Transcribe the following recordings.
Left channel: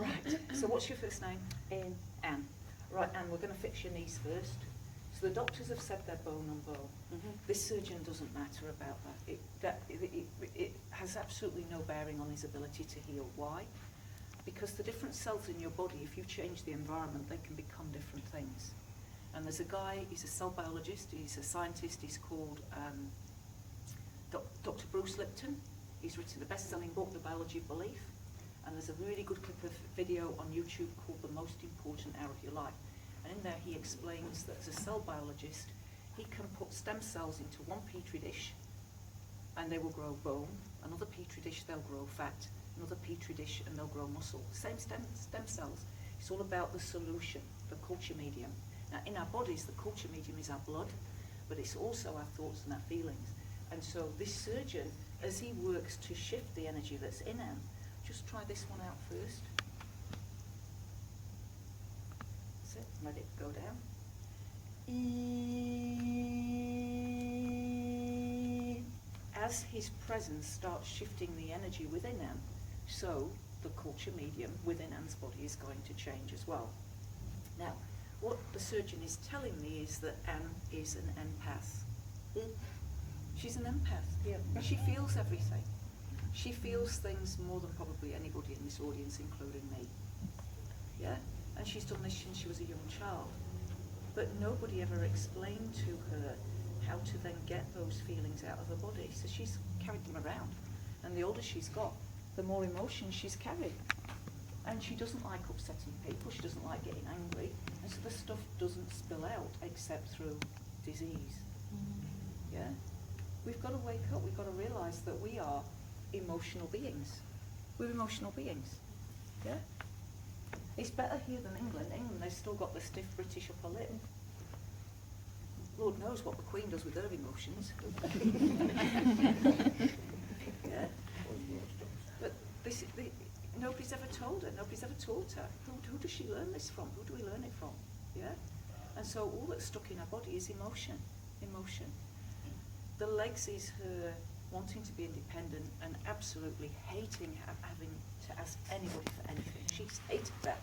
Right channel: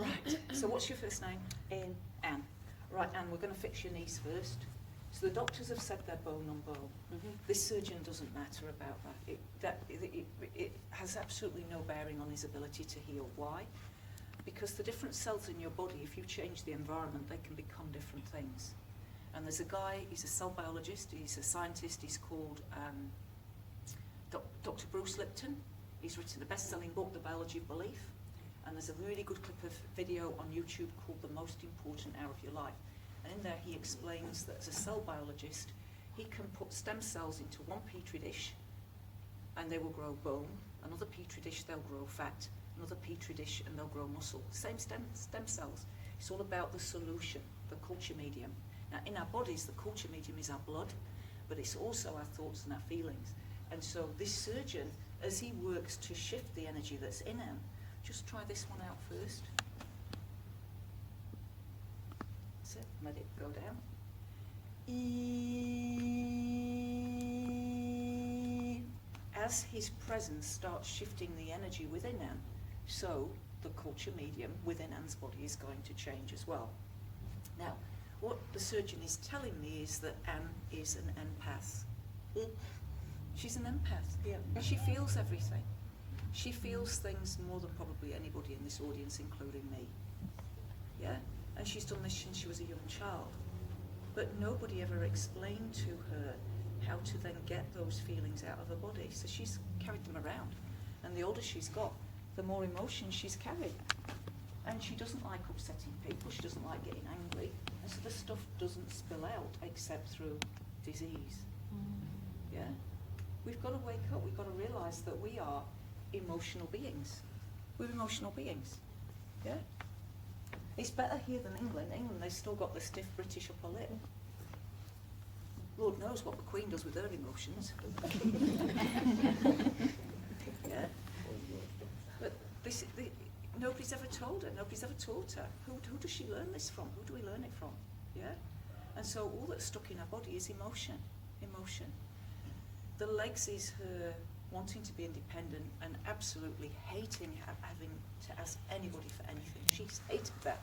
Right, so what's your first name? Anne. Right, Anne, we're going to fix your knees first. So the doctors have said they're bone on bone. This surgeon doesn't matter about that. It has absolutely no bearing on his ability to heal. Why? Because the different cells in your body, if you change the environment, they can become different things. And there's a guy, he's a cell biologist, he's a scientist, he's called Dr. Bruce Lipton. He's written a best-selling book, The Biology of Belief. And there's a really good clip of video on YouTube called The Most Important Hour of Your Life. And in there he explains that as a cell biologist, he can put stem cells into one petri dish and they will grow bone, another petri dish they'll grow fat, another petri dish and they'll grow muscle. Same stem cells. It's all about the solution, the culture medium. Now in our bodies, the culture medium is our blood, but it's also our thoughts and our feelings. And so this surgeon, as he works to shift the energy that's in him, just try this one out first. That's it, let it go down. As his presence starts shifting the energy within him, so the culture medium within Anne's body is going to change as well. Now, what the surgeon is telling me is that Anne is an empath. She's an empath. Yeah. She feels everything. She feels things more than probably anybody in this audience, including me. Yeah? And she's done this since she was a young child. But nobody ever explained to her how to then get those feelings out of her body. So she's carried them around. And the older she's got, the more emotion she's carried. And she doesn't like upsetting people. She doesn't like getting angry. And so the stuff doesn't spill out except through disease. Yeah? We've got to wake up. We've got to realise that we are emotional beings. We're emotional beings. Yeah? It's better here than England. England, they've still got the stiff British upper lip. Lord knows what the Queen does with her emotions. Yeah? But nobody's ever told her. Nobody's ever taught her. Who does she learn this from? Who do we learn it from? Yeah? And so all that's stuck in her body is emotion. Emotion. The legs is her wanting to be independent and absolutely hating having to ask anybody for anything. She's hated that.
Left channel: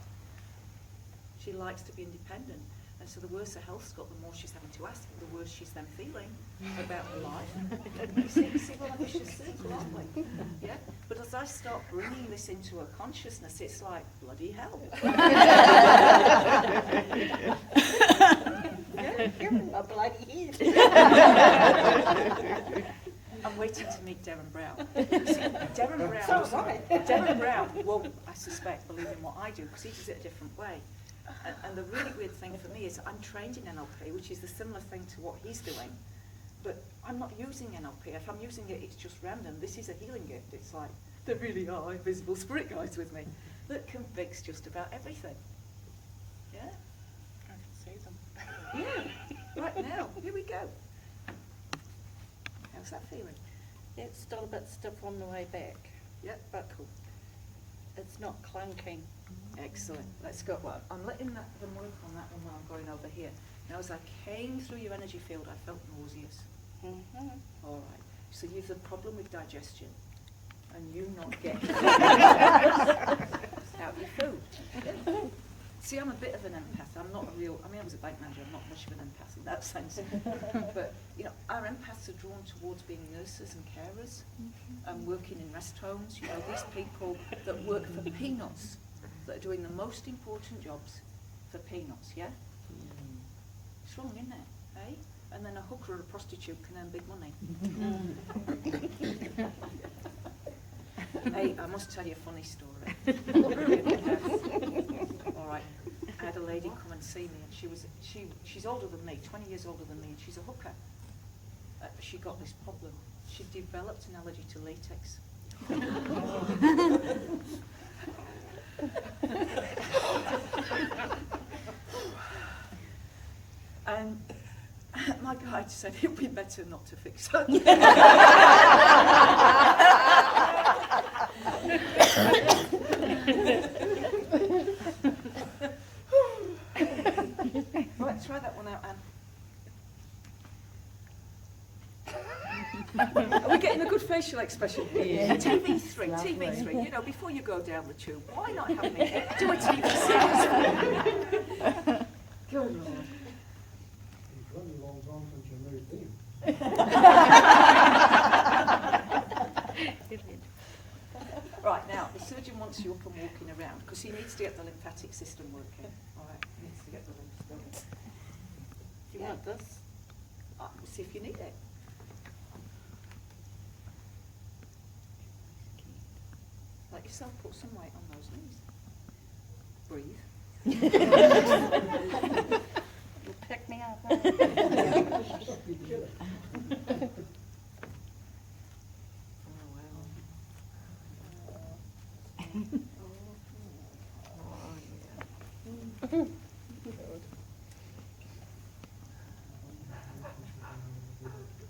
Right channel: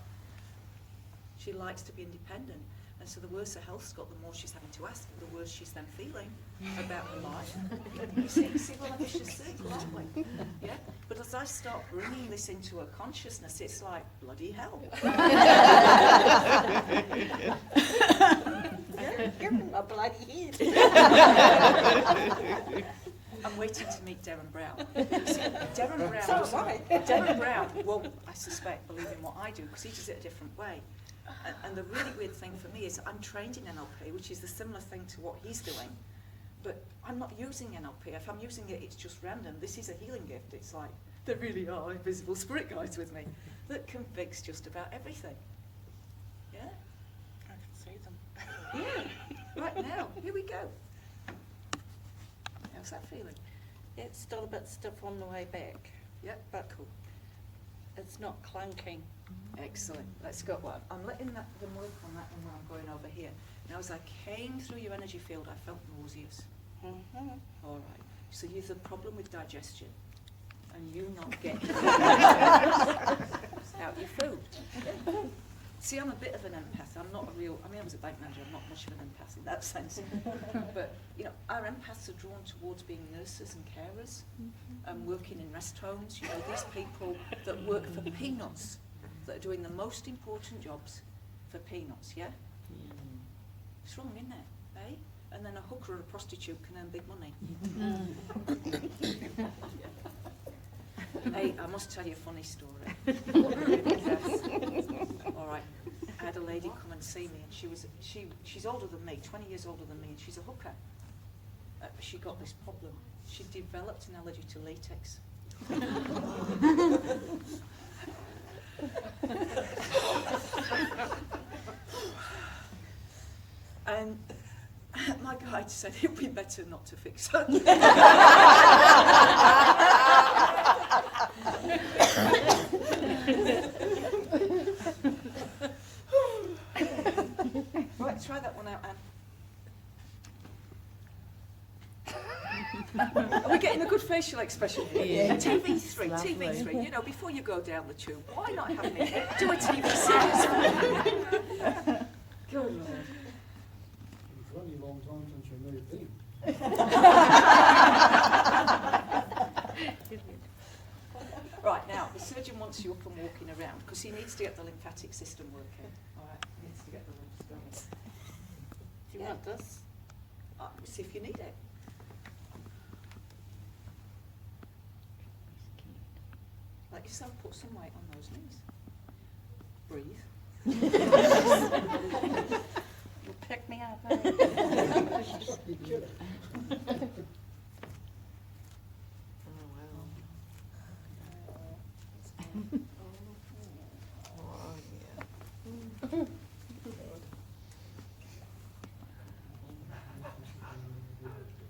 She likes to be independent. And so the worse her health's got, the more she's having to ask, the worse she's then feeling about her life. You see we're on a vicious circle, aren't we? Yeah? But as I start bringing this into her consciousness, it's like, bloody hell. Yeah? Give him a bloody I'm waiting to meet Darren Brown. See, Darren Brown won't, I suspect, believe in what I do, because he does it a different way. And the really weird thing for me is I'm trained in NLP, which is the similar thing to what he's doing, but I'm not using NLP. If I'm using it, it's just random. This is a healing gift. It's like, there really are invisible spirit guides with me that can fix just about everything. Yeah? I can see them. Yeah, right now. Here we go. How's that feeling? It's still a bit stiff on the way back. Yep, But cool. it's not clunking. Excellent. Let's go. Well, I'm letting them work on that one while I'm going over here. Now, as I came through your energy field, I felt nauseous. Mm-hmm. All right. So you've a problem with digestion, and you not getting out your food. See, I'm a bit of an empath. I'm not a real, I was a bank manager, I'm not much of an empath in that sense. But, our empaths are drawn towards being nurses and carers, and working in rest homes. These people that work for peanuts, that are doing the most important jobs for peanuts, yeah? It's wrong, isn't it, eh? And then a hooker or a prostitute can earn big money. Hey, I must tell you a funny story. All right, I had a lady come and see me, and she's older than me, 20 years older than me, and she's a hooker. She got this problem. She developed an allergy to latex. And my guide said it would be better not to fix her. Right, try that one out, Anne. Are we getting a good facial expression here. Yeah. TV3, Lovely. TV3. You know, before you go down the tube, why not have me do a TV series? Good Lord. It's only a long time since you moved in. Right, now, the surgeon wants you up and walking around because he needs to get the lymphatic system working. All right, he needs to get the lymphs going. Do you want this? See if you need it. Let yourself put some weight on those knees. Breathe. You pick me up, eh?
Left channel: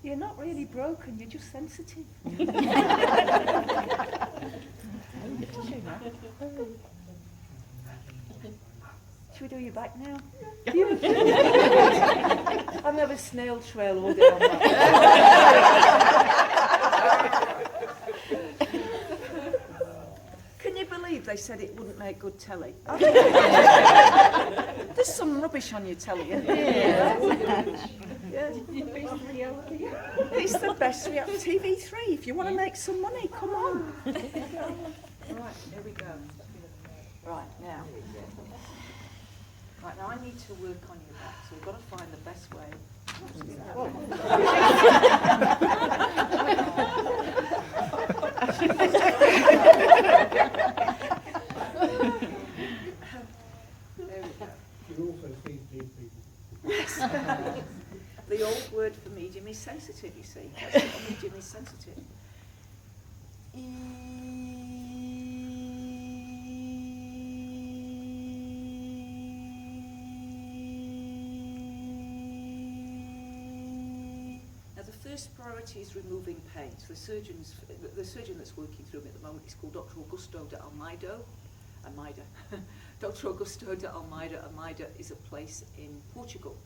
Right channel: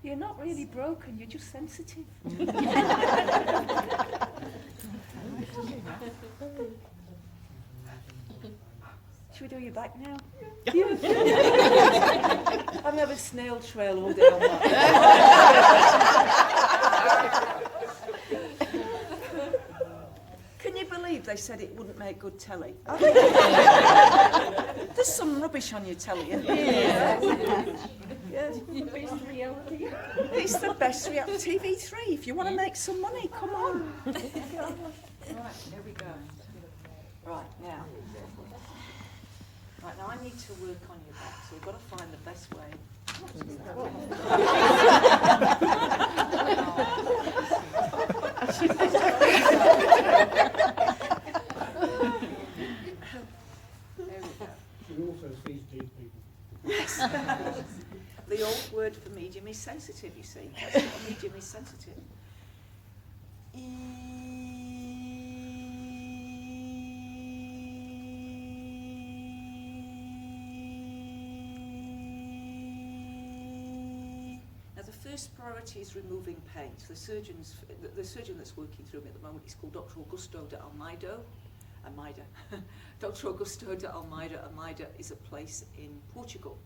You're not really broken, you're just sensitive. Should we do your back now? I've never snail trail all down my Can you believe they said it wouldn't make good telly? I think there's some rubbish on your telly, isn't there? Yeah. The best reality. It's the best reality. TV3, if you want to make some money, come on. Right, there we go. Right, now. Right, now I need to work on your back, so you've got to find the best way to do There we go. She also sees dead people. Yes. The old word for medium is sensitive, you see. That's what a medium is, sensitive. Now the first priority is removing pain. So the surgeon that's working through me at the moment is called Dr. Augusto de Almeida. Dr. Augusto de Almeida. Almeida is a place in Portugal.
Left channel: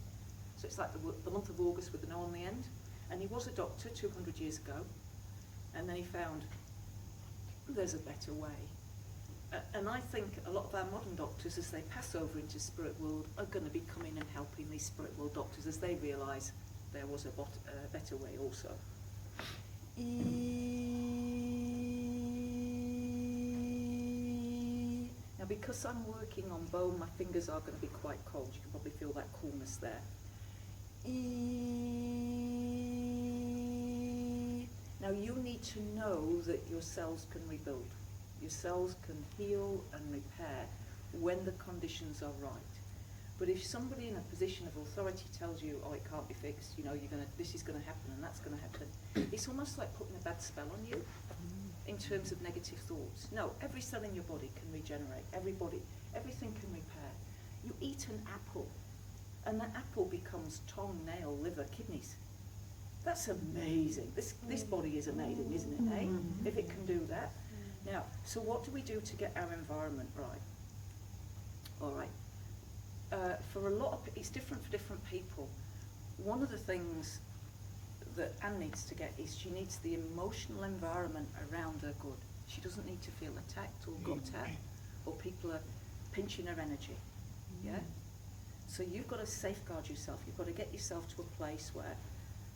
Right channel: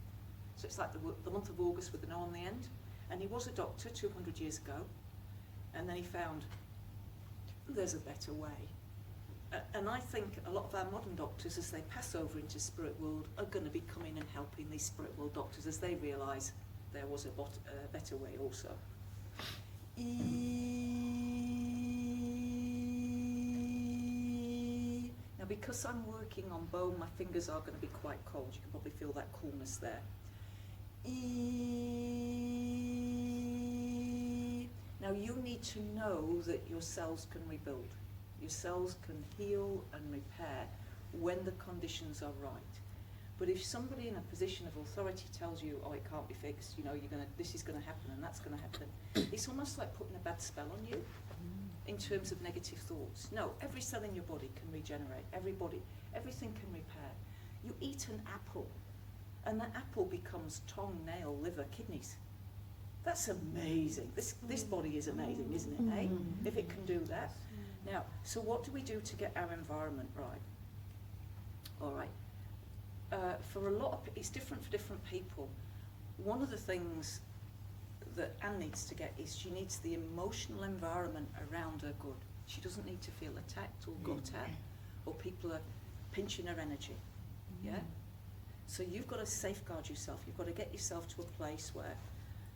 So it's like the month of August with an O on the end. And he was a doctor 200 years ago. And then he found there's a better way. And I think a lot of our modern doctors, as they pass over into spirit world, are going to be coming and helping these spirit world doctors as they realise there was a better way also. Now because I'm working on bone, my fingers are going to be quite cold. You can probably feel that coolness there. Now you need to know that your cells can rebuild. Your cells can heal and repair when the conditions are right. But if somebody in a position of authority tells you, oh, it can't be fixed, you know, this is going to happen and that's going to happen, it's almost like putting a bad spell on you in terms of negative thoughts. No, every cell in your body can regenerate. Everything can repair. You eat an apple, and that apple becomes tongue, nail, liver, kidneys. That's amazing. This body is amazing, isn't it, eh? If it can do that. Now, so what do we do to get our environment right? All right. For a lot of, it's different for different people. One of the things that Anne needs to get is she needs the emotional environment around her good. She doesn't need to feel attacked or got at, or people are pinching her energy. Yeah? So you've got to safeguard yourself. You've got to get yourself to a place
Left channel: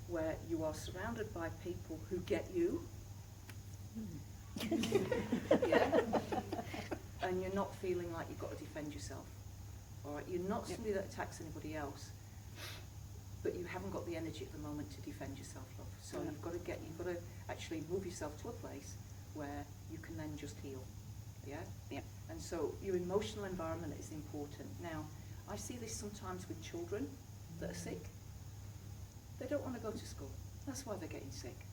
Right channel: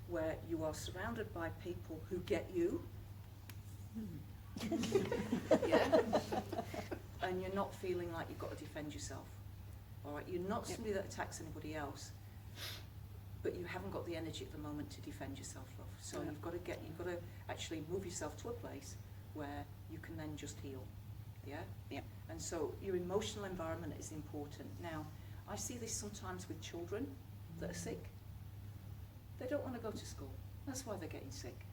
where you are surrounded by people who get you. Yeah? And you're not feeling like you've got to defend yourself. All right? You're not somebody that attacks anybody else, but you haven't got the energy at the moment to defend yourself, love. So you've got to actually move yourself to a place where you can then just heal. Yeah? Yeah. And so your emotional environment is important. Now, I see this sometimes with children that are sick. They don't want to go to school. That's why they're getting sick.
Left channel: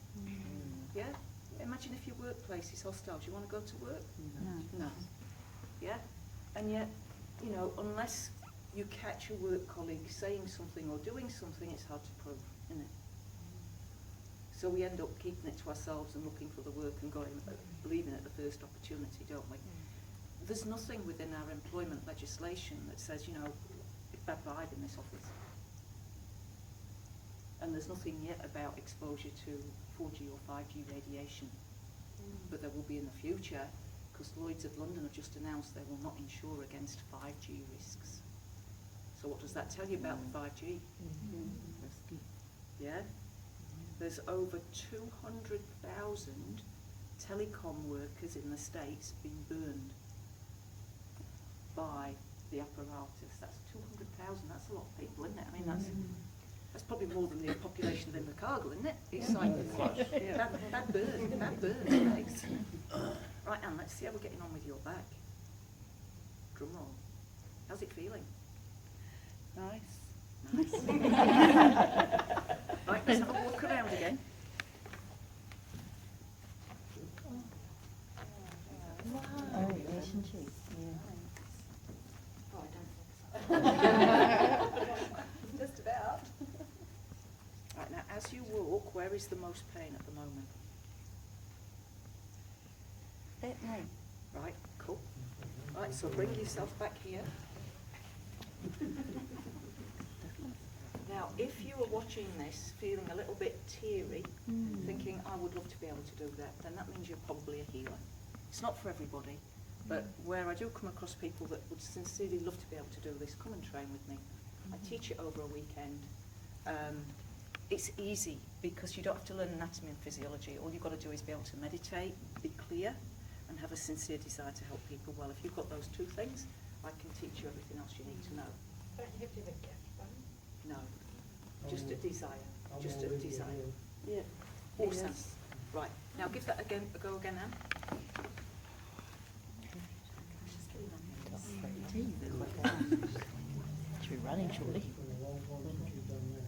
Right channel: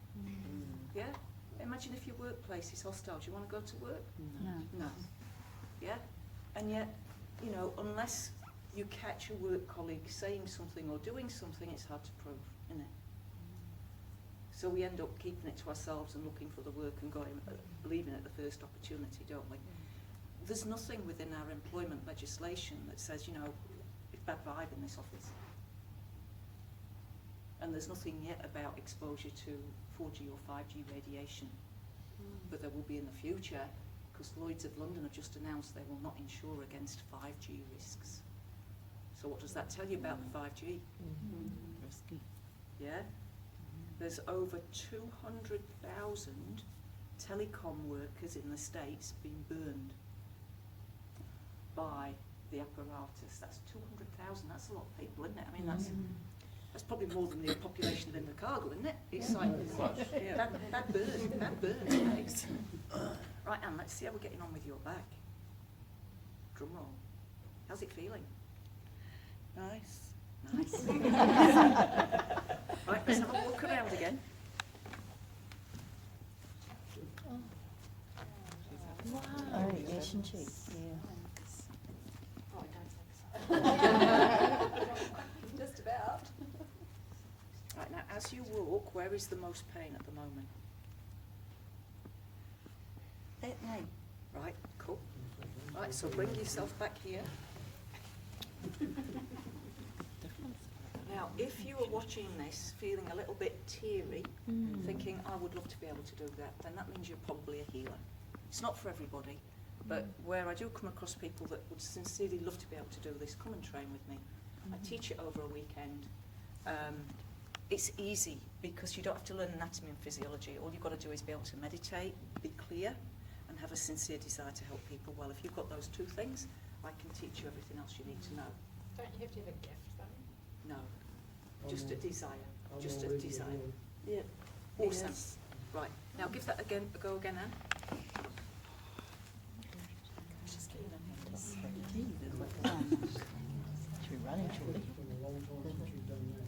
Yeah? Imagine if your workplace is hostile. Do you want to go to work? No. Yeah? And yet, you know, unless you catch a work colleague saying something or doing something, it's hard to prove, isn't it? So we end up keeping it to ourselves and looking for the work and leaving at the first opportunity, don't we? There's nothing within our employment legislation that says, you know, it's bad vibe in this office. And there's nothing yet about exposure to 4G or 5G radiation. But there will be in the future, because Lloyd's of London have just announced they will not insure against 5G risks. So what does that tell you about the 5G? Yeah? There's over 200,000 telecom workers in the States being burned by the apparatus. That's 200,000, that's a lot of people, isn't it? I mean, that's probably more than the population of Invercargill, isn't it? It's like, that burns, mate. Right, Anne, let's see how we're getting on with your back. Drum roll. How's it feeling? Nice. Nice. Right, let's have a walk around again. Just about. Right, now as you walk, where is the most pain at the moment? That name. Right, cool. Right, so bring yourself back here. Now, if you were watching this feeling a little bit teary, thinking, I would love to be able to do that, then that means you're probably a healer. It's not for everybody, but where I do come across people that would sincerely love to be able to do this, come and train with me. I teach it over a weekend. It's easy because you don't have to learn anatomy and physiology. All you've got to do is be able to meditate, be clear, and have a sincere desire to help people. Well, if you've got those two things, I can teach you everything else you need to know. Don't you have to have a gift, though? No, just a desire. I'm Just a already desire. doing- Yeah. Awesome. Yes. Right, now give that again a go again, Anne. It's been a long time since you've done that.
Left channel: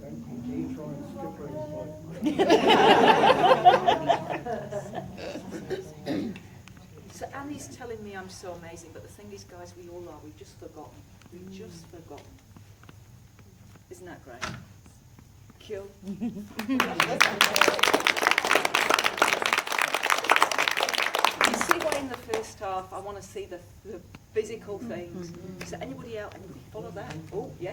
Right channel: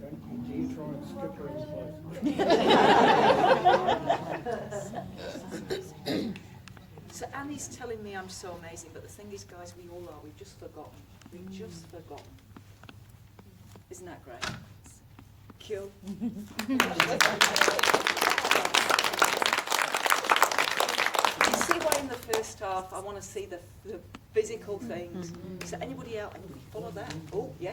Don't you dare try and skip her advice. So Annie's telling me I'm so amazing, but the thing is, guys, we all are. We've just forgotten. We've just forgotten. Isn't that great? Cool. You see why in the first half I want to see the physical things. So anybody else, anybody follow that? Oh, yes.